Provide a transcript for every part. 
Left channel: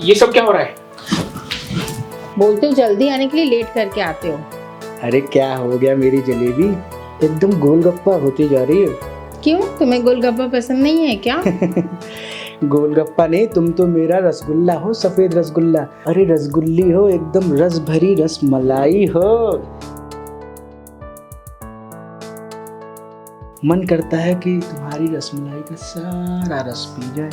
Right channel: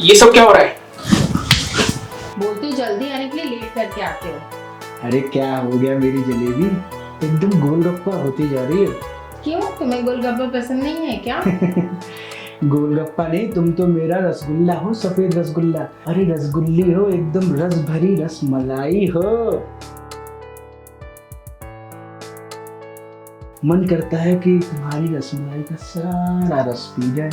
ये सब क्या हो रहा है? बोलते हो जल्दी आने के लिए, लेट करके आते हो। अरे क्या हो गया मेरी जलेबी, एकदम गोलगप्पा होती जा रही है। क्यों, तुम्हें गोलगप्पा पसंद नहीं है क्या? गोलगप्पा नहीं, तुम तो मेरा रसगुल्ला हो, सफेद रसगुल्ला। अरे रसगुल्ली हो, एकदम रस भरी रसमलाई हो। मन करता है कि तुम्हारी रसमलाई का सारा रस पी जाए।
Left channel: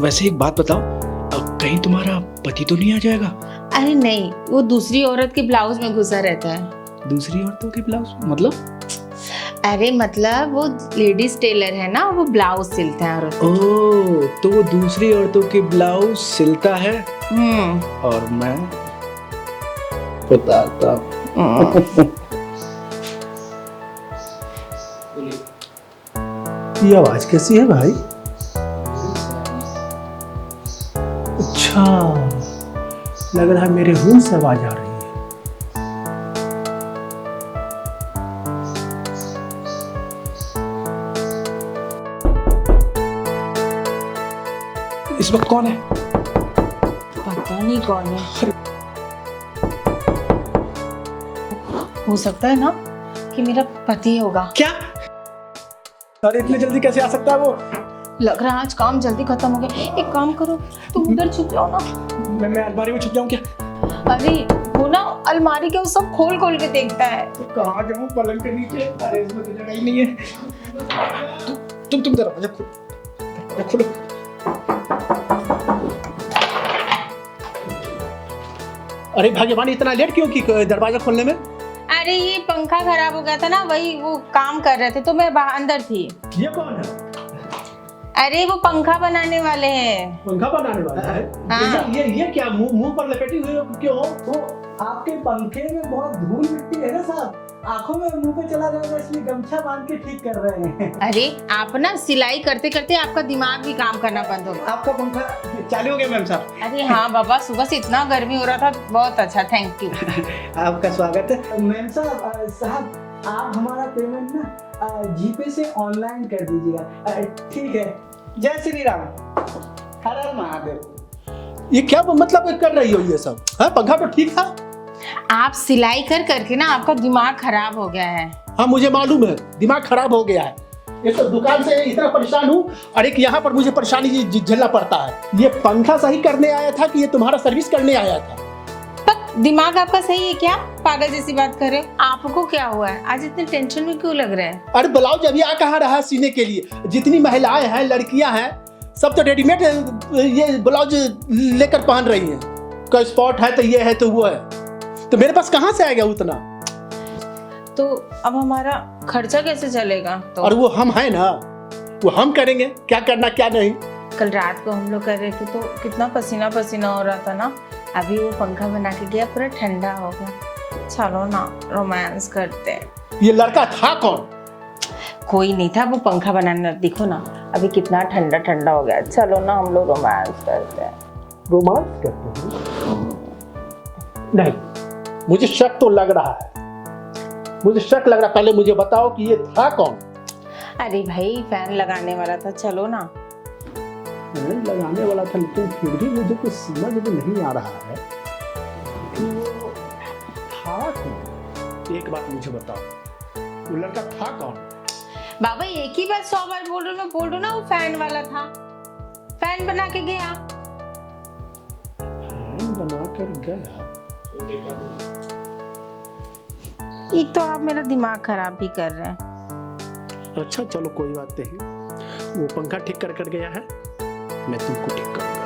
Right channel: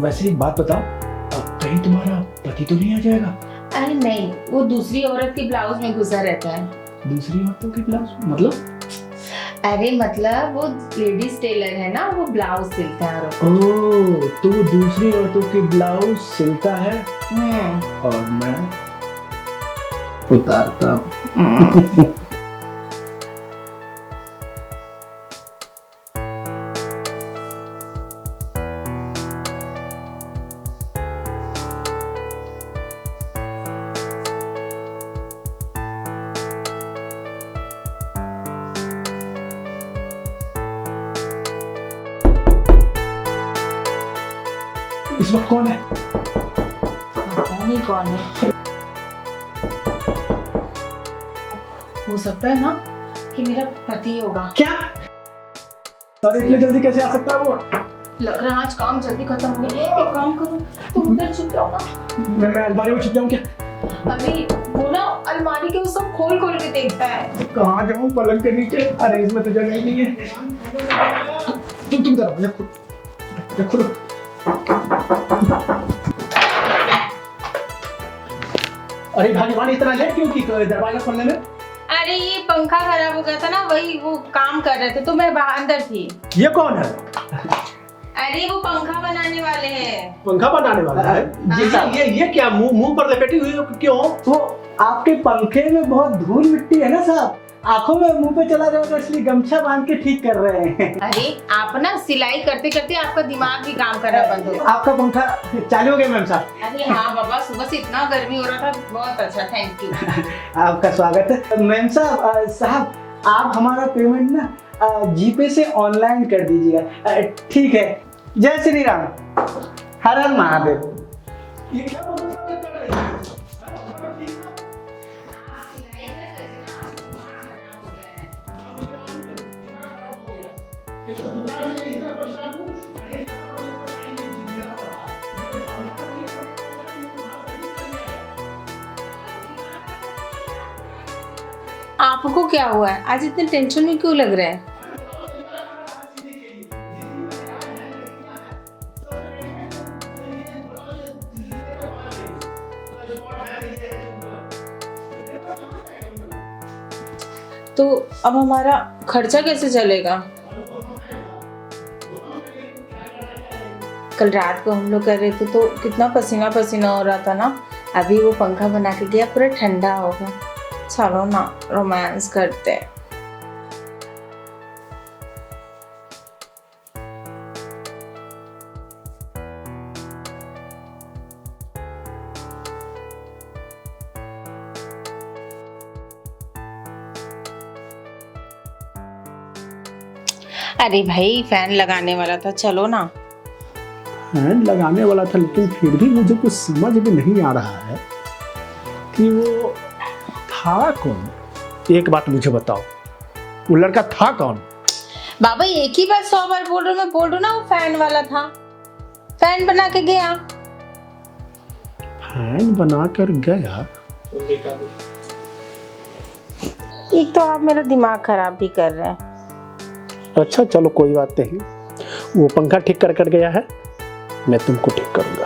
वैसे एक बात बताओ, अब कहीं तुम्हारा पति तो नहीं आ जाएगा? अरे नहीं, वो दूसरी औरत के ब्लाउज में घुसा रहता है। दूसरी औरतों के ब्लाउज मतलब? अरे मतलब वो लेडीज टेलर है ना, वो ब्लाउज सिलता है औरत। ओह, तो वो दूसरी औरतों के ब्लाउज सिलता है और मैं उतारता। ये आवाज कैसी है भाई? अच्छा, लग रहा है मेरे मुंह से आवाज आ रही है। इस वक्त कौन है? पता नहीं कौन है। हो सकता है ना कि मेरा पति होगा। क्या? अरे इतनी जल्दी कैसे आ सकता है वो? लग रहा है आज काम जल्दी खत्म हो गया। एक काम करो, तुम उधर छुप जाओ ना। मैं अलमारी में छुप जाऊं क्या? अरे वो ना अलमारी के वो सब खोल खोल के देखता है। कहाँ जाऊं? पलंग के नीचे? अरे इसमें तो जगह ही नहीं है। तुम जरा खोलो। अरे भगवान, इतना लेट क्यों की दरवाजा खोलने में? अरे ये पंखा खराब हो गया था ना, वही वो काम कर रहे थे तो मैं बाहर अंदर थी। ये कौन है? अरे वो पंखा बनाने वाले हैं। पंखा बनाने वाला है? हाँ। ये क्या मुंह पर लपेटी हुई क्यों? वो आपके पंखे में बहुत धूल मिट्टी है ना साहब, आंखों में मुंह पे चला जाएगा, इसलिए गमछा बांध के ठीक कर रहे हैं। अरे आप ना सिलाई करते करते आपका दिमाग ही काम करना बंद हो गया। आपका पंखा चालू हो गया मैम साहब? अरे हाँ बाबा, सुबह से इतना गर्मी हो रहा था, बहुत अच्छा, थैंक यू। आपका स्वागत है मैम साहब। साहब आप हमारा पेमेंट ना जीपे से ऑनलाइन कर दीजिएगा। ठीक है, जय श्री राम, हर हर महादेव। ये क्या मतलब कर रही हो ये सब? हाँ, पंखा तो ठीक था। आप सिलाई कर करके ना आपका दिमाग खराब हो गया है। हाँ मुझे मालूम है, दिमाग खराब हो गया है। ये तो दुकान से इतना परेशान हूँ और एक यहाँ पर मुझे परेशानी झेलना पड़ता है। ये पंखा सही करने आया था कि ये तुम्हारा सर्विस करने आया था? पर दिमाग आपका सही है क्या? पागल जैसी बात करे। आपको क्या हुआ है, आज इतनी टेंशन में क्यों लग रहा है? अरे ब्लाउज अभी आ कहाँ रहा सीने के लिए? जितनी महिलाएं हैं, लड़कियां हैं, सब तो रेडीमेड ये ब्लाउज लेकर पहन रही हैं। कोई स्पॉट है तो ये है तो वो है, तो मेरे पास कहाँ से आएगा उतना? तो अब हमारा खर्चा कैसे चलेगा? और वो हम हैं ना, वो हम करेंगे, क्या करना क्या नहीं। कल रात को हम लोग कर रहे थे तो कितना पसीना पसीना हो रहा था ना। अभी वो पंखा बना के गया, पूरा ठंडा हो गया। चलो ना रोमांस करते हैं। ये लड़का था कौन? कोई नहीं था, वो पंखा बनाने। देखो ना अभी कितना ठंडा ठंडा हो गया। चलो ना हम लोग रोमांस करते हैं। रोमांस करते हैं? नहीं, मुझे शक तो लग रहा है, मुझे शक लग रहा है। पहले मुझे बताओ कि ये था कौन? अरे भाई फैन लगाने वाला था। चलो ना। फैन लगाने वाला था, लेकिन फिर भी मुझे कुछ समझ में नहीं आ रहा है कि वो था कौन। एक बात मुझे बताओ, वो लड़का था कौन? बाबा एक ही बात 100 बार बोल रहा हूँ। मैं बोल रहा हूँ ना, वो फैन वाला था, फैन बना के गया। फैन बना कर गया? एक तो आप मेरा दिमाग खराब भी कर रहे हैं। अच्छा चलो कोई बात नहीं, वो पंखा ठीक कर गया है, मैं तुमको ठीक करूंगा।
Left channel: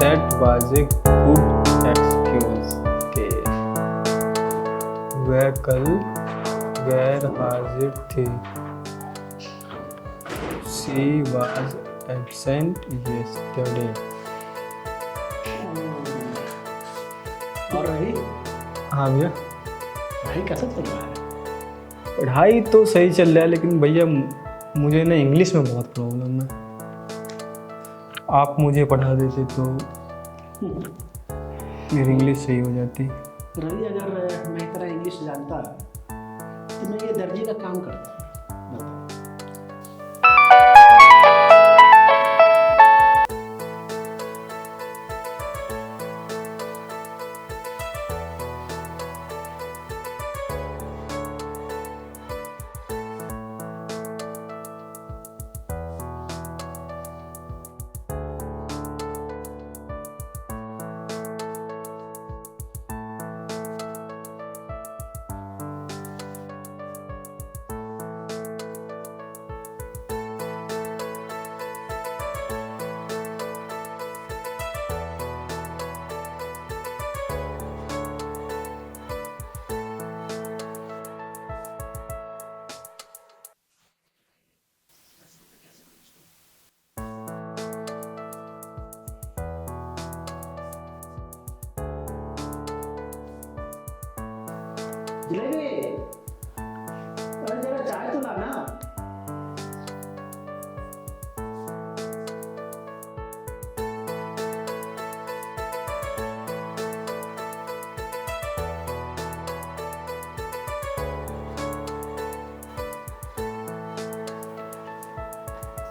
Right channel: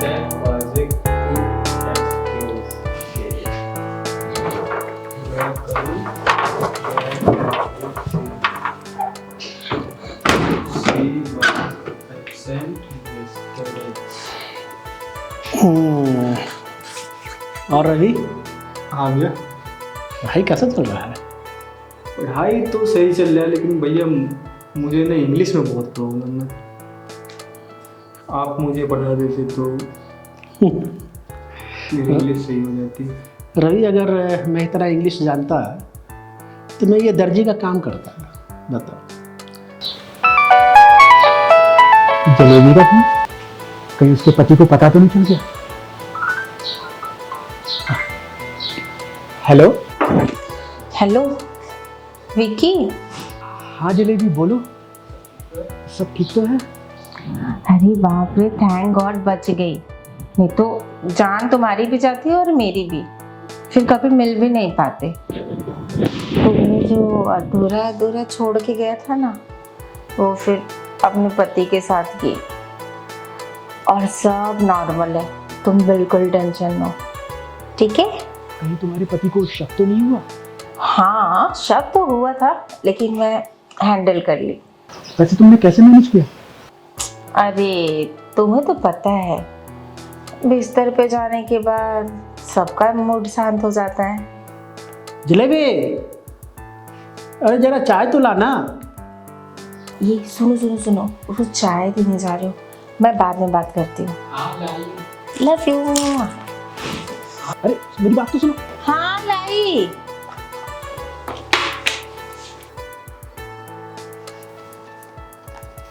That was a good excuse. वह कल गैर हाजिर थे। He was absent yesterday. और रवि हाँ भैया, भाई कैसा चल रहा है? पढ़ाई तो सही चल रहा है लेकिन भैया मुझे ना इंग्लिश में बहुत प्रॉब्लम है। आप मुझे पढ़ा देते तो मेरी इंग्लिश सही हो जाती। रवि अगर मैं इतना इंग्लिश जानता तो मैं ये दर्जी का काम करता। बताओ। जलेबी का था? कहीं उसके पति को पता तो नहीं चल गया? Hello hello Vicky. हाँ जलेबी बोलो, सब ठीक तो है? अरे बाप रे, थैंक गॉड बच गई, नहीं तो जान तुम्हारी भी जाती और मेरी भी, फिर कभी मिल भी नहीं पाते। तुमने जो अधूरा अधूरा छोड़ के गया था ना, वो फिर अपने पति के साथ की, और सब नॉर्मल है, तुम बिल्कुल टेंशन लो, ठीक है? कहीं तुम्हारे पति को शक तो नहीं हुआ? हाँ शक तो हुआ था, लेकिन मैं हैंडल कर ली। वैसे तुमने कैसे मैनेज किया? अरे तुम्हें तो पता है, बिस्तर पे जाने के बाद सबका मूड शांत हो जाता है। जलेबी, अरे जरा चाय तो लाना। ये सुनो सुनो सुनो, वो चाय देने जा रही हूँ, मैं बाद में बात करती हूँ। Love you. अरे मेरी बात तो सुनो। हाँ लाई।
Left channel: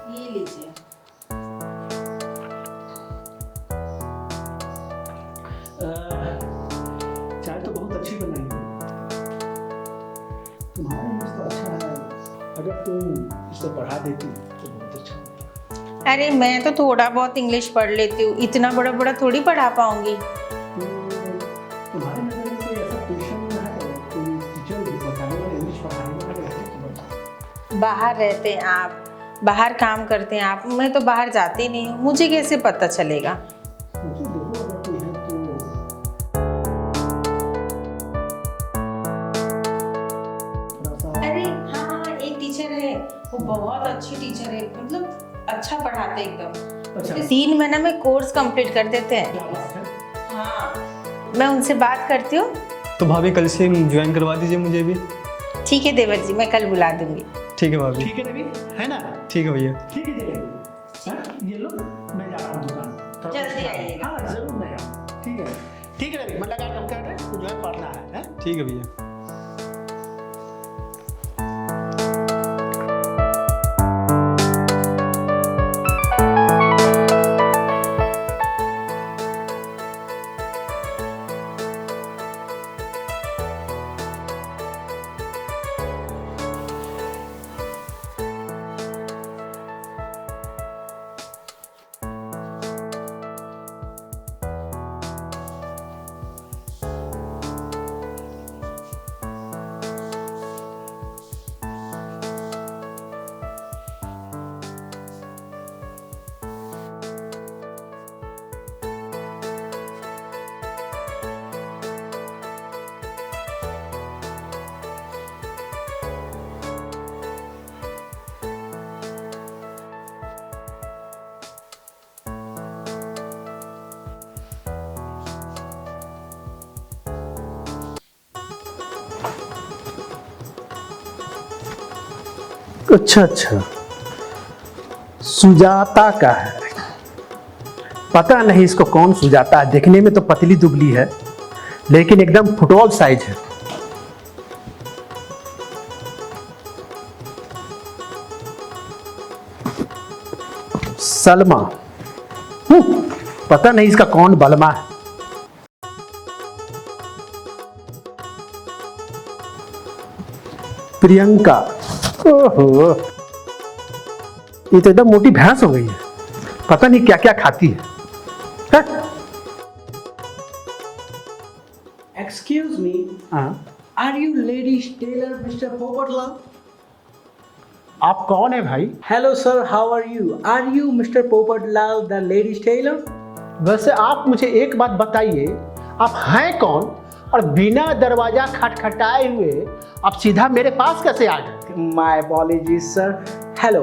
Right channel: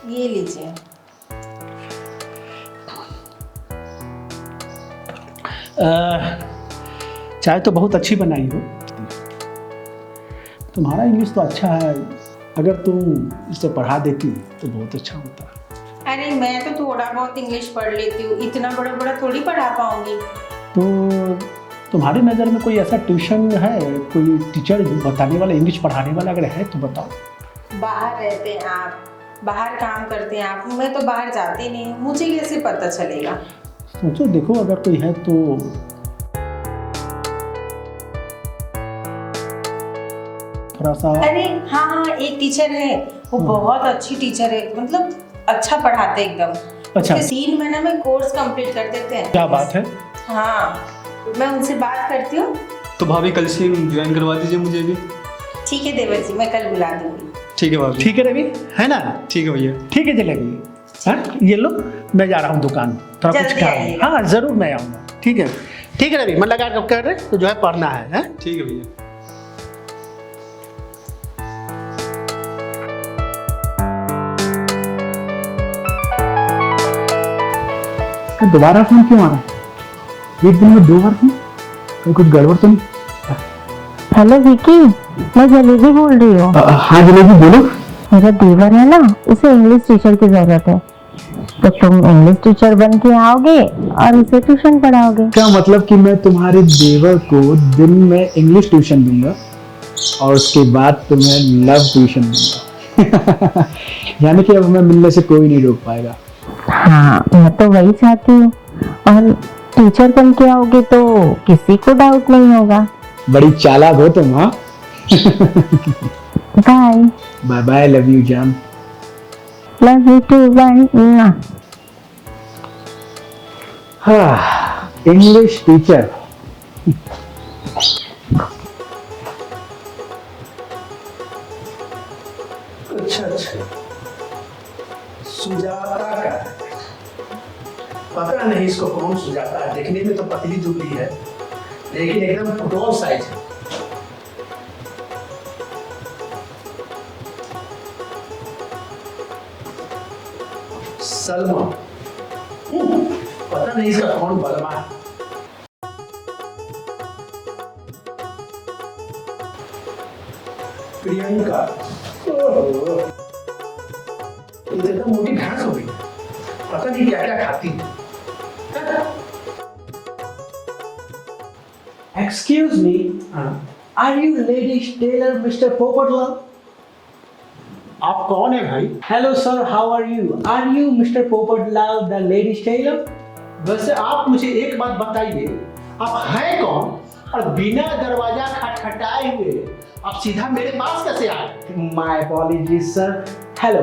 ये लीजिए। चाय तो बहुत अच्छी बनाई हो। तुम्हारा इंग्लिश तो अच्छा है, अगर तुम इसे पढ़ा देती तो बहुत अच्छा होता। अरे मैं तो थोड़ा बहुत इंग्लिश पढ़ लेती हूँ, इतना बड़ा बड़ा थोड़ी पढ़ा पाऊंगी। तो तुम्हारी नज़र में कोई ऐसा ट्यूशन है, कोई टीचर बताने वाला, इंग्लिश पढ़ाने वाला अगर है तो बताओ। बाहर रहते हैं आप, बाहर काम करते हैं आप, मैं तो बाहर जाती नहीं, मुझे कैसे पता चलेगा? सोचो, देखो अगर कोई है तो। थोड़ा सा। अरे हाँ हाँ, एक टीचर है, वो बहुत अच्छी टीचर है, मतलब अच्छा पढ़ाते एकदम। अच्छा। 3 महीने में कोर्स कंप्लीट कर देते हैं। क्या बात है? हाँ, मैं उनसे बात करती हूँ। तो भाभी कल से ज्वाइन करवा दीजिए मुझे भी। ठीक है देवर जी, मैं कल बुला दूंगी। ठीक है भाभी। ठीक है रवि, है ना? ठीक है भैया। ठीक है जलेबी। हाँ ये लो, मैं जा रहा हूँ दुकान, थोड़ा कुछ जल्दी काम है। आइएगा। हाँ जरूर मैं आऊँगा। ठीक है, ठीक है रवि, मन लगा कर रहे तो जो है पढ़ना है। ठीक है भैया। तो दोबारा फोन क्यों आ रहा है? एक दिन में 2 बार फोन, कहीं कुछ गड़बड़ तो नहीं? हेलो विकी, मैं जलेबी बोल रही हूँ। हाँ जलेबी बोलो। मेरा देवर है ना, उसे इंग्लिश टीचर की जरूरत है, तो तुम इंग्लिश टीचर बन के आओगे और उसे ट्यूशन पढ़ाओगे। क्या मतलब कि मैं तुम्हारे देवर को दिन में इंग्लिश ट्यूशन दूंगा और उसके बाद तुम्हें लव ट्यूशन दूंगा? यानी कि अब मैं मिलने से कोई नहीं रोक पाएगा। हाँ मैं तो वही चाहती हूँ, और टीचर बन के आओगे तो किसी को डाउट नहीं होगा। बड़ी चालाक हो तुम। हाँ bye bye bye, love you जान। Love you too bye. हाँ इंग्लिश टीचर। अच्छा अच्छा, सुजाता का है। पता नहीं इसको कौन सुजाता है, देखने में तो पतली दुबली है लेकिन एकदम फुटबॉल साइज है। सलमा, पता नहीं इसका कौन बलमा है। प्रियंका, ओहो ये तो एकदम मोटी भैंस हो गई है, पता नहीं क्या क्या खाती है। Excuse me, are you ladies tailor Mr. Popotlal? आप कौन है भाई? Hello sir, how are you? Are you Mr. Popotlal, the ladies tailor? वैसे आप मुझे एक बात बताइए, आप हैं कौन और बिना दरवाजा खटखटाए हुए आप सीधा मेरे पास कैसे आए? My apologies sir, hello,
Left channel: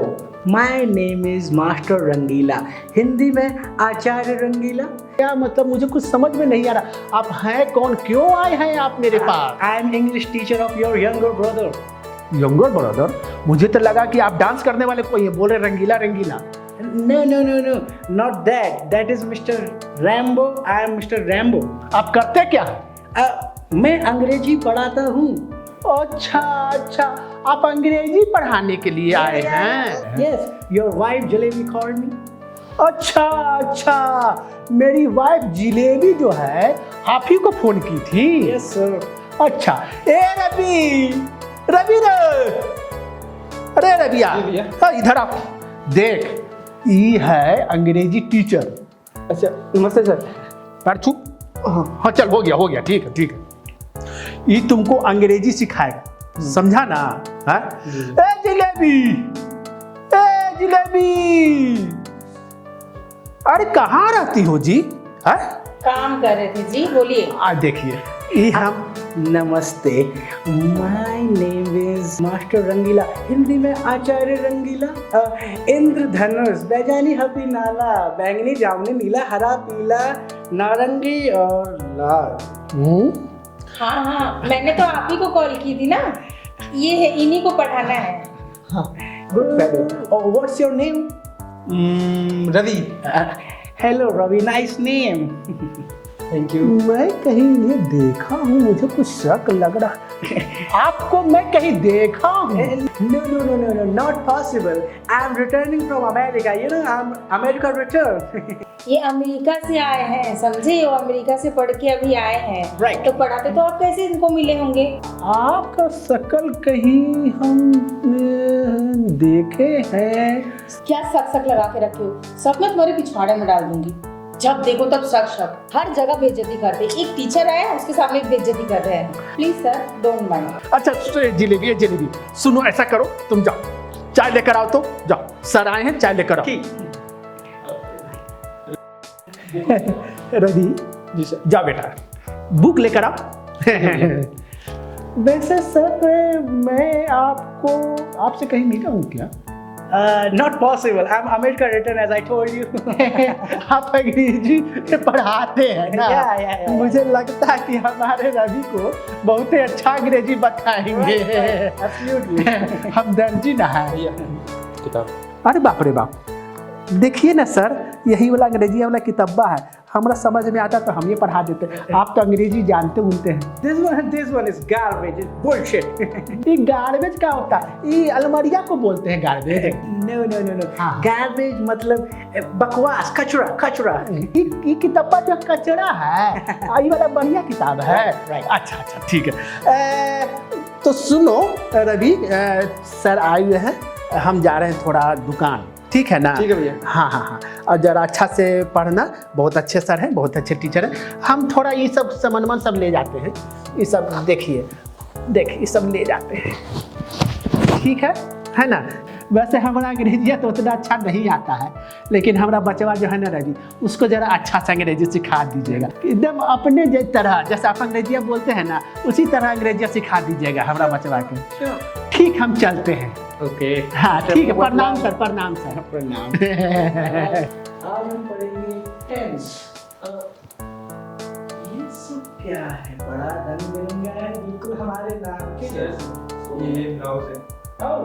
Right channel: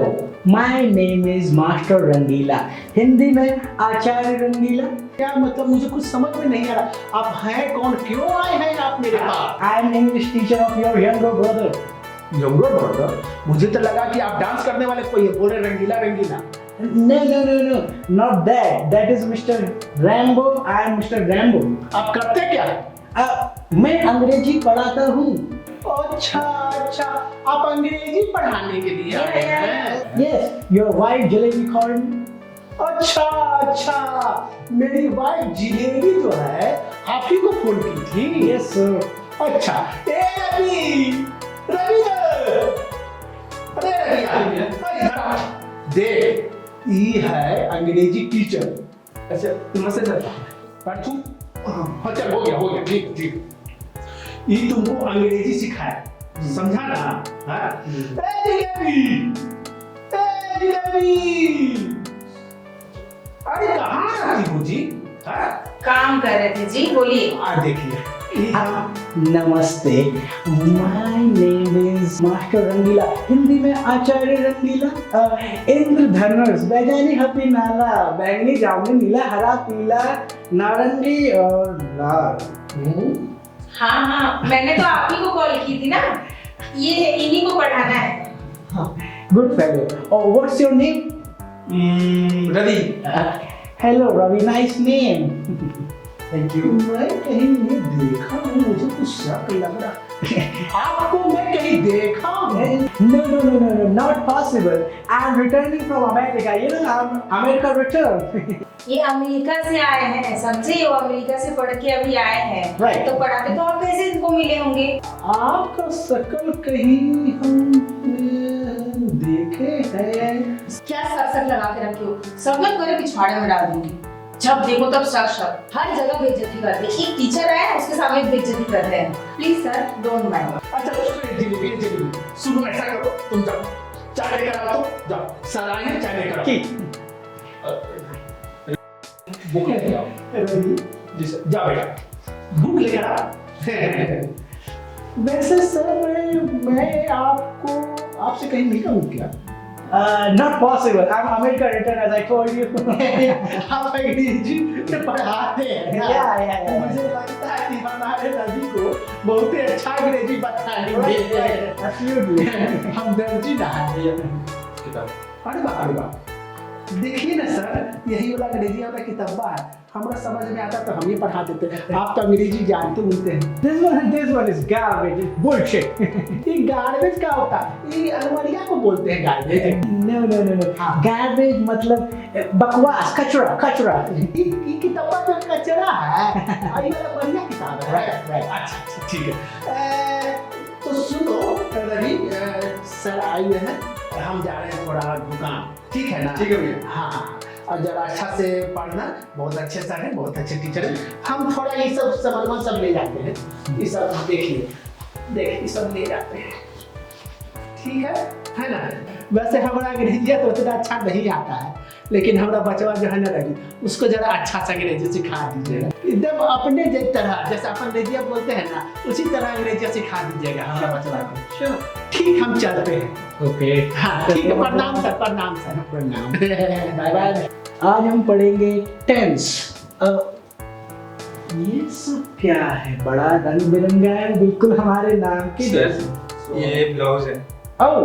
my name is master Rangila, Hindi में आचार्य रंगीला। क्या मतलब, मुझे कुछ समझ में नहीं आ रहा। आप हैं कौन, क्यों आए हैं आप मेरे पास? I am English teacher of your younger brother. Younger brother? मुझे तो लगा कि आप डांस करने वाले को ये बोले रंगीला रंगीला। No, no, no, no, not that. That is Mr. Rambo. I am Mr. Rambo. आप करते क्या? मैं अंग्रेजी पढ़ाता हूँ। अच्छा अच्छा, आप अंग्रेजी पढ़ाने के लिए आए हैं? Yes, your wife jalebi called me. अच्छा अच्छा, मेरी वाइफ जिलेबी जो है आप ही को फोन की थी? Yes, sir. अच्छा, ए रवि, रवि अरे रविया, इधर आ। देख, ये है अंग्रेजी टीचर। अच्छा नमस्ते सर। पर तू, हाँ चल, हो गया, ठीक है ठीक है। ये तुमको अंग्रेजी सिखाए, समझा ना? हाँ? ए जिलेबी, अरे कहाँ रहती हो जी? हाँ? काम कर रहे थे जी, बोलिए। आज देखिए, ये हम नमस्ते, my name is master Rangila, Hindi में आचार्य रंगीला। इंद्रधनुष, बैजानी हपी नाला, बैंगनी जामुनी नीला हरा पीला नारंगी और लाल। हाँ, मैंने तो आप ही को कॉल की थी ना, ये है, इन्हीं को पढ़ाना है। Good fellow. What's your name? Ravi. Hello Ravi, nice name. Thank you. मैं कहीं ये देखा हूँ, मुझे कुछ शक लग रहा। आपको मैं कहीं देखा हूँ। No, not possible. I'm returning from America. You know, I'm America return. ये अमेरिका से आए हैं, समझे? वो अमेरिका से पढ़ के अभी आए हैं। Right. तो पढ़ाते तो आप कैसे इनको मिले होंगे? आपका शकल कहीं हम देखे हैं। क्या सक लगा के रखे हो? सब मैं तुम्हारे पिछवाड़े में डाल दूंगी। जब देखो तब शक, हर जगह बेइज्जती करते हैं। एक टीचर आया है, उसके सामने बेइज्जती कर रहे हैं। Please sir, don't mind. अच्छा जिलेबी, सुनो, ऐसा करो, तुम जाओ, चाय लेकर आओ। तो जाओ, सर आए हैं, चाय लेकर आओ। रवि जी सर, जा बेटा, बुक लेकर आओ। वैसे सर, मैं आपसे कहीं मिला हूँ क्या? Not possible. I'm America return, as I told you. आप अंग्रेजी पढ़ाते हैं ना? Yeah. मुझे लगता है कि हमारे रवि को बहुत ही अच्छा अंग्रेजी बताएंगे। Absolutely. हम दर्जी ना है। अरे बाप रे बाप, देखिए ना सर, यही वाला अंग्रेजी वाला किताबा है, हमारा समझ में आता तो हम ही पढ़ा देते। आप तो अंग्रेजी जानते होते हैं। This one is garbage. Bullshit. ये गार्बेज क्या होता है? ये अलमारिया को बोलते हैं गार्बेज। No. हाँ। Garbage मतलब बकवास, कचरा। ये किताबा तो कचरा है, ये वाला बढ़िया किताब है। अच्छा ठीक है। तो सुनो रवि, सर आए हुए हैं, हम जा रहे हैं थोड़ा दुकान, ठीक है ना? ठीक है भैया। हाँ, और जरा अच्छा से पढ़ना। बहुत अच्छे सर हैं, बहुत अच्छे टीचर हैं। हम थोड़ा ये सब सामान सब ले जाते हैं, ये सब देखिए, ये सब ले जाते हैं, ठीक है ना? वैसे हमारा अंग्रेजी तो उतना अच्छा नहीं आता है, लेकिन हमारा बचवा जो है ना रवि, उसको जरा अच्छा सा अंग्रेजी सिखा दीजिएगा, एकदम अपने तरह, जैसे आप अंग्रेजी बोलते हैं ना, उसी तरह अंग्रेजी सिखा दीजिएगा हमारा बचवा को। ठीक, हम चलते हैं। ओके। हाँ ठीक है, प्रणाम सर। प्रणाम। आज हम पढ़ेंगे टेंस। ये सब क्या है? बड़ा रंग बिरंगा है, बिल्कुल हमारे नाम की जैसे। ये ब्लाउज है। Oh,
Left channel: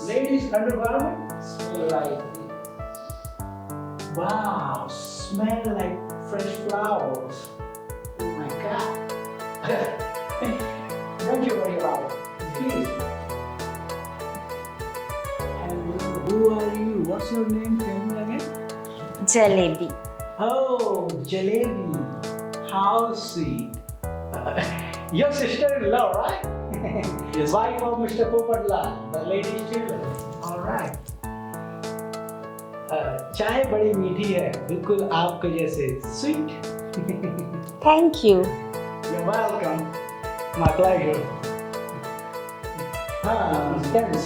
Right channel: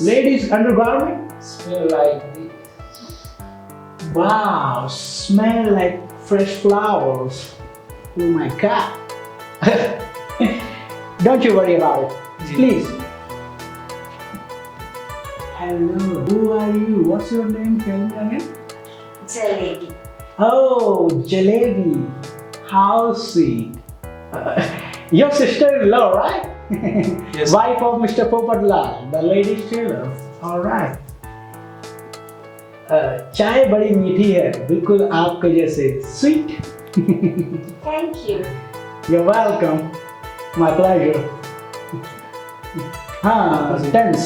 ladies undergarment. Smell like Wow, smell like fresh flowers. Oh my God. Don't you worry about it. Please. Hello, who are you? What's your name? Tell me again. Jalebi. Oh, Jalebi. How sweet. Your sister-in-law, right? Yes. Wife of Mr. Popadlal, the ladies' tailor. All right. चाय बड़ी मीठी है, बिल्कुल आपके जैसे sweet. Thank you. You're welcome. My pleasure. हाँ, tense.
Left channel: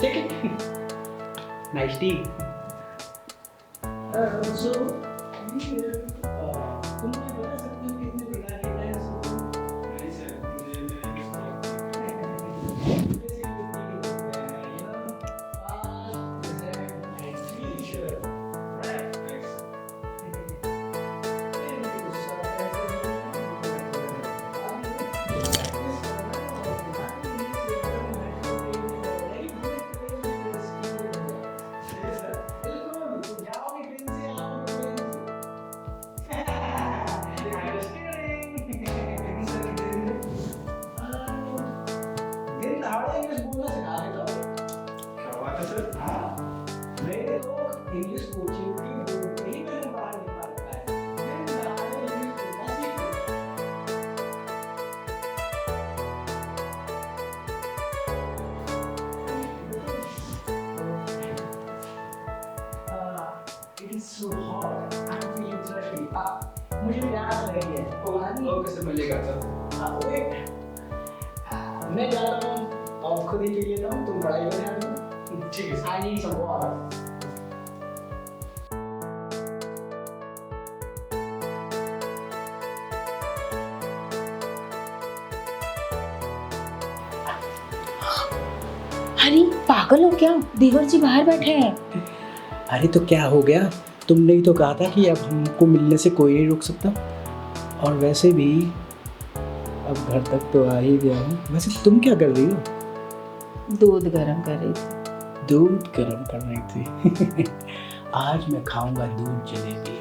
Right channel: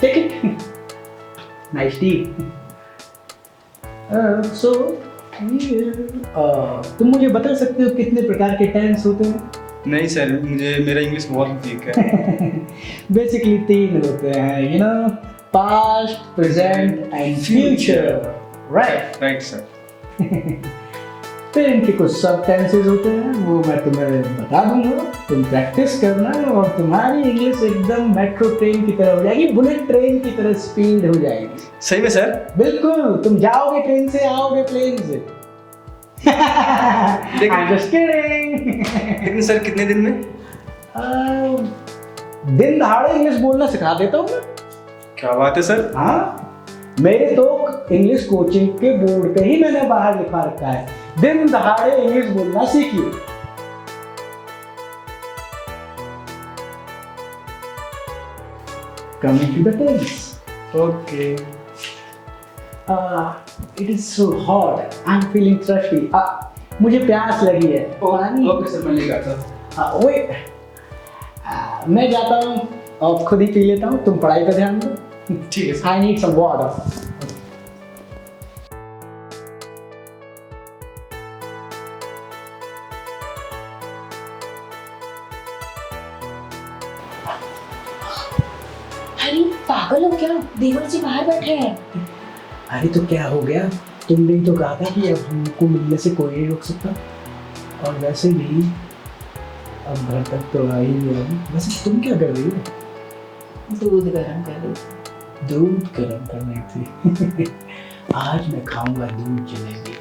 Take it. Nice tea. So, तुम मुझे बता सकते हो कितने प्रकार के टेंस होते हैं? नहीं सर, मुझे मेरा इंग्लिश बहुत वीक है। बेसिकली 3 होते हैं, you know, past, present and future, right? Right sir. फिर इनके कुछ सब टेंसेस होते हैं, वो मैं तुम्हें बता दूंगा, तुम प्रैक्टिस करना और तुम्हारी इंग्लिश एकदम मेट्रो ट्रेन की तरह हो जाएगी, बुलेट ट्रेन की तरह स्पीड हो जाएगी। सही में सर? बिल्कुल, तुम जाओगे ट्रेन से, आओगे प्लेन से। I'm just kidding. लेकिन सर कितने दिन में? दिन दहाड़े इंग्लिश बोलना सिखा देता हूँ मैं। क्या बात है सर? हाँ, मेरे तो इंग्लिश कोचिंग के बोर्ड पे ही मैंने बाहर लिखा रखा है, दिन दहाड़े इंग्लिश बोलना सीखिए। Coming to the things. Okay. It is so hot. I'm feeling thirsty. मुझे प्यास लगी है। पानी। ओके सर, मैं लेकर आता हूँ। Wait. मैं जाता हूँ, अब खुद ही पी लेता हूँ, तुम पढ़ाई पे ध्यान दो। ठीक है sir. I need some water. अरे पागल हो क्या? देवर जी बाहर बैठे हैं। अरे तो क्या हो गया, तुमने ही तो कहा था कि अब हमको मिलने से कोई नहीं रोक सकता, और वैसे भी अब घर तक तो आ ही गया हूँ। वैसे तुम क्या कर रही हो? दूध गर्म कर रही थी। दूध गर्म कर रही थी। आज मैं खाऊंगा दूध जलेबी।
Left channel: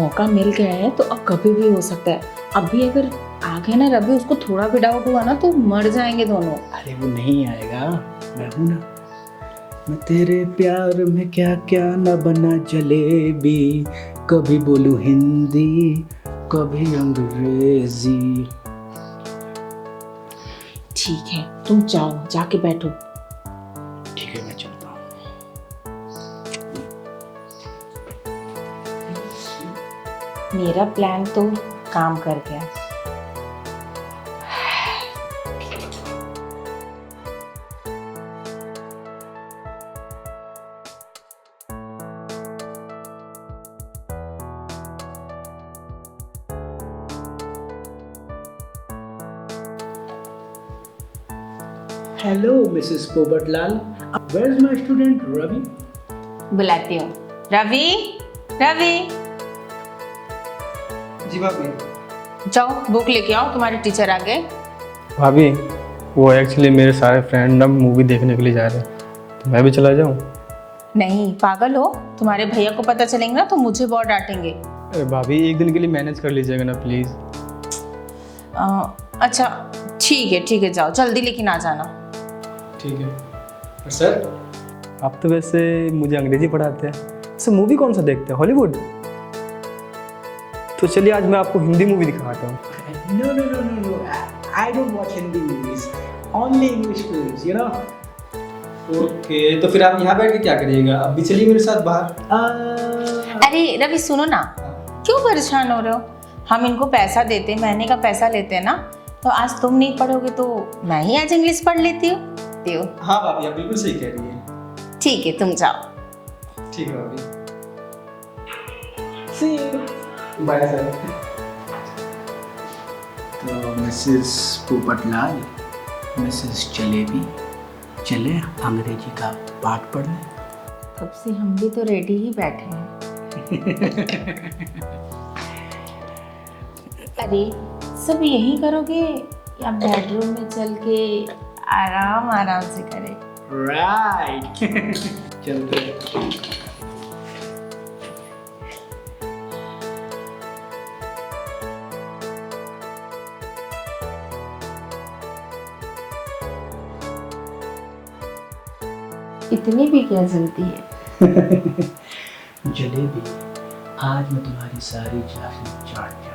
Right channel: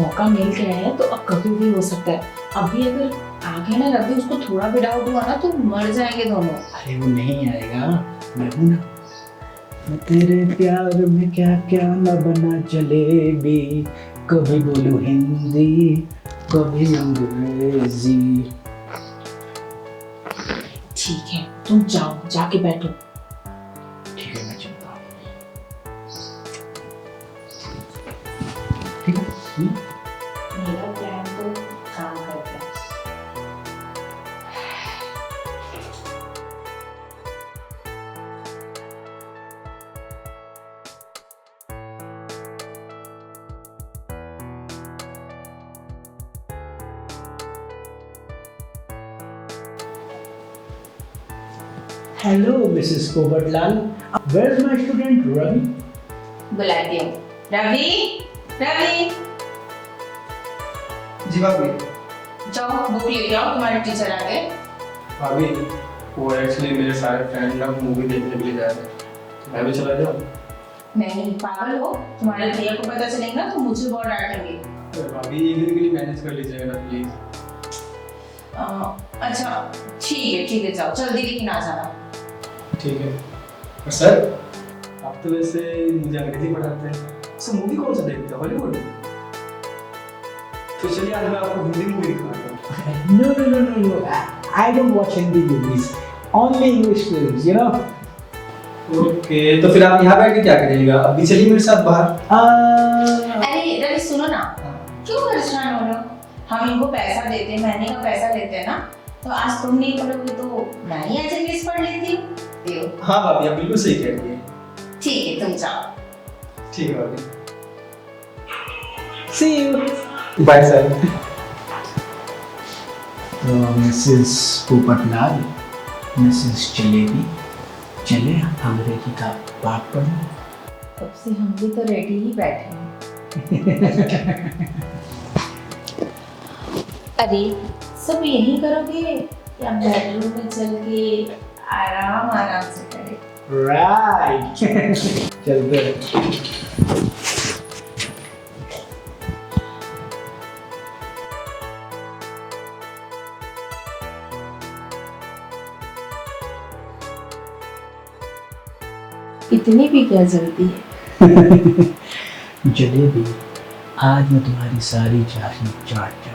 मौका मिल गया है तो अब कभी भी हो सकता है। अभी अगर आ गया ना रवि, उसको थोड़ा भी डाउट हुआ ना तो मर जाएंगे दोनों। अरे वो नहीं आएगा, मैं हूं ना। मैं तेरे प्यार में क्या क्या न बना जलेबी, कभी बोलूं हिंदी कभी अंग्रेजी। ठीक है, तुम जाओ, जाके बैठो। ठीक है, मैं चलता हूँ। ठीक है। मेरा प्लान तो काम कर गया। Hello, Mrs. Pobarlal. Where's my student Ravi? बुलाती हूँ। रवि, रवि, जी भाभी। जाओ बुक लेके आओ, तुम्हारे टीचर आ गए। भाभी, वो एक्चुअली मेरे सारे फ्रेंड ना मूवी देखने के लिए जा रहे हैं, तो मैं भी चला जाऊँ? नहीं, पागल हो? तुम्हारे भैया को पता चलेंगे ना तो मुझे बहुत डांटेंगे। अरे भाभी, एक दिन के लिए मैनेज कर लीजिएगा ना प्लीज़। अच्छा ठीक है, जाओ जल्दी लेकिन आ जाना। ठीक है। सर, आप तो वैसे मुझे अंग्रेजी पढ़ाते हैं, सर मूवी कौन सा देखते हैं, हॉलीवुड? तो चलिए आज मैं आपको हिंदी मूवी दिखाता हूँ। No. I don't watch Hindi movies. Only English films, you know. Okay, तो फिर आप यहाँ बैठ के क्या करिएगा? अभी चलिए मेरे साथ बाहर। अरे रवि सुनो ना, क्यों परेशान हो रहे हो? हम इनको पैसा देते हैं, महीने का पैसा लेते हैं ना, तो आज तुम नहीं पढ़ोगे तो मैं ही आज इंग्लिश पढ़ लेती हूँ। हाँ भाभी, आप बिल्कुल सही कह रही हैं। ठीक है, तुम जाओ। ठीक है भाभी। See you. Bye sir. तो मिसेस पोपटलाल, मिसेस जलेबी, चले अंग्रेजी का पाठ पढ़ने। कब से हम भी तो रेडी ही बैठे हैं। अरे सब यही करोगे या बेडरूम में चल के आराम से करें? राइट। चलते हैं। इतनी भी क्या जल्दी है? जलेबी, आज मैं तुम्हारी सारी चाशनी चाट जाऊंगा।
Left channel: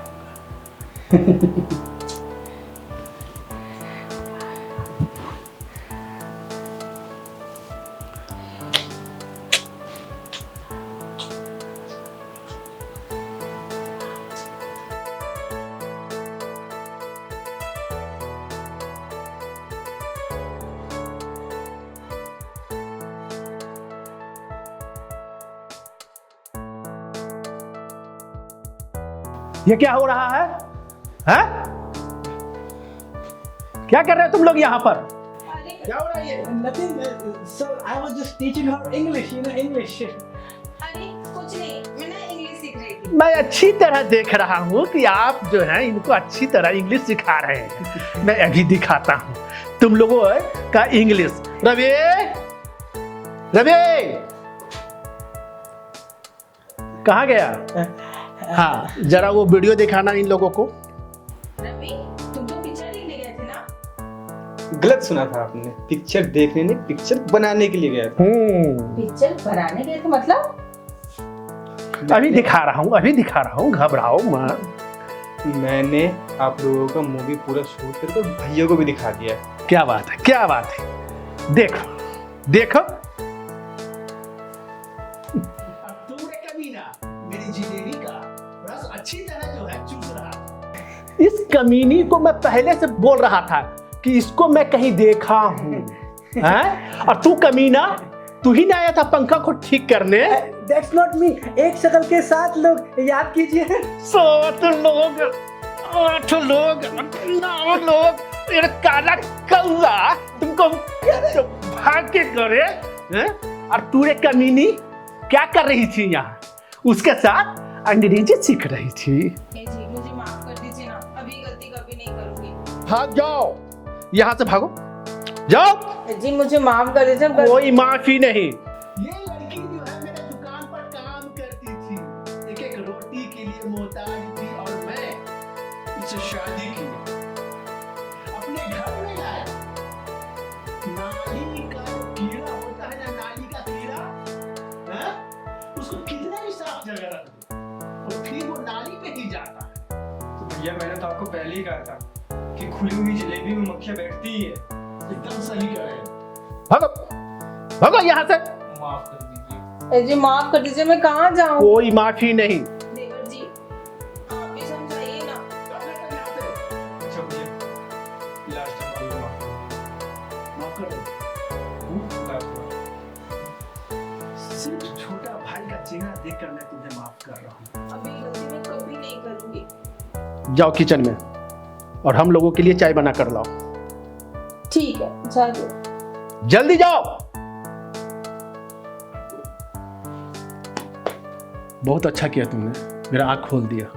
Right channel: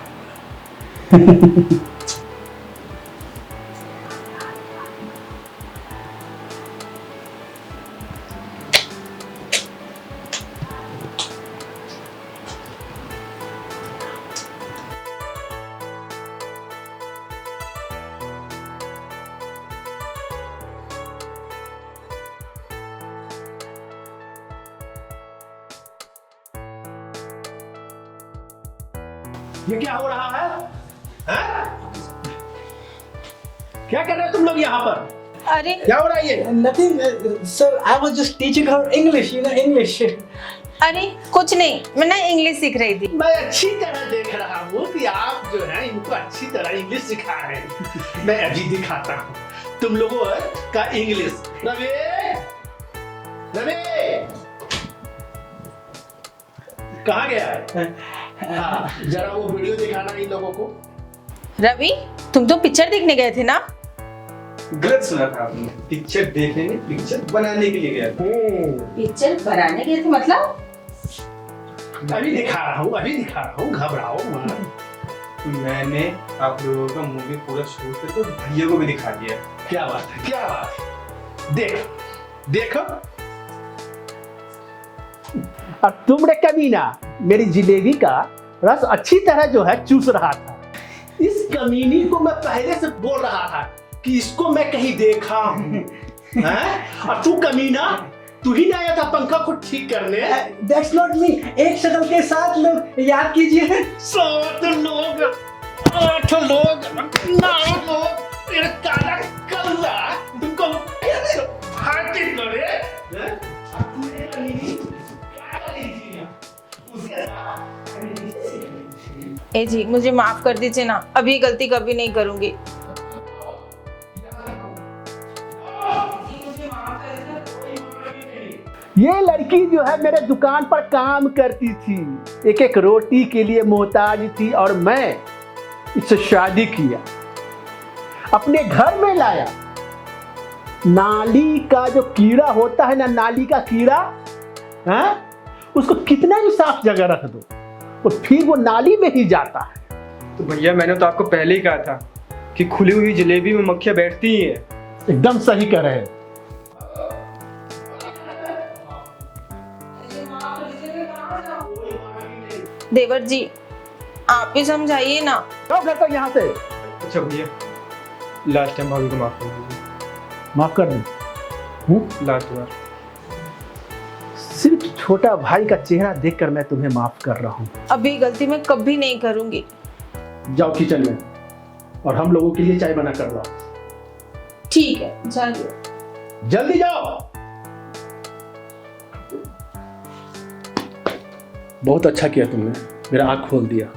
ये क्या हो रहा है? हैं? क्या कर रहे हो तुम लोग यहाँ पर? अरे क्या हो रहा है ये? Nothing, sir. I was just teaching her English. English. अरे कुछ नहीं, मैं ना इंग्लिश सीख रही थी। मैं अच्छी तरह देख रहा हूँ कि आप जो है इनको अच्छी तरह इंग्लिश सिखा रहे हैं। मैं अभी दिखाता हूँ तुम लोगों का इंग्लिश। रवि, रवि, कहाँ गया? हाँ, जरा वो वीडियो दिखाना इन लोगों को। रवि, तुम तो पिक्चर देखने गए थे ना? गलत सुना था आपने, पिक्चर देखने नहीं, पिक्चर बनाने के लिए गया था। पिक्चर बनाने गए थे मतलब? अभी दिखा रहा हूँ, घबराओ मत। मैंने आप लोगों का मूवी पूरा शूट करके भैया को भी दिखा दिया। क्या बात है, क्या बात है। देखो देखो, अब तुमने कभी ना मेरी जिलेबी का रस अच्छी तरह जो है चूस रहा था। इस कमीनी को मैं पहले से बोल रहा था कि इसको मैं कहीं देखा हूँ। हैं? और तू कमीना, तू ही ना आया था पंखा को ठीक करने। That's not me. एक शक्ल के 7 लोग, याद कीजिए। 7 लोग, 8 लोग, 9 लोग, तेरा काला कल्ला तुमको भाग के करे। हैं? और तू रे कमीनी क्या कर रही थी यहाँ? उसके साथ अंग्रेजी सीख रही थी। ए जी, मुझे माफ कर दीजिए ना, अभी गलती कभी नहीं करूंगी। भाग जाओ, यहाँ से भागो, जाओ। जी मुझे माफ कर दीजिए। कोई माफी नहीं। ये लड़की जो है मेरे दुकान पर काम करती थी, एक एक रोटी के लिए मोहताज थी और मैं इससे शादी किया, अपने घर में लाया। नाली का जो कीड़ा होता है ना, नाली का कीड़ा, हाँ? उसको कितना भी साफ जगह रख दो तो फिर वो नाली में ही जाता है। तो भैया मैंने तो आपको पहले ही कहा था कि खुली हुई जलेबी में मक्खियां बैठती ही है। एकदम सही कह रहे हैं। भागो, भागो यहाँ से। ए जी माफ कर दीजिए, मैं कहाँ जाऊँ? कोई माफी नहीं। देवर जी आप भी समझाइए ना। जाओ घर तक यहाँ से। अच्छा भैया, लास्ट टाइम भाभी को माफ कर दीजिए। माफ कर दो। लास्ट बार। सिर्फ छोटा भाई का चेहरा देखकर मैं तुम्हें माफ कर रहा हूँ। अभी गलती मैं कभी नहीं करूंगी। जाओ किचन में और हम लोगों के लिए चाय बना कर लाओ। ठीक है, चलो जल्दी जाओ। बहुत अच्छा किया तुमने, मेरा आँख खोल दिया।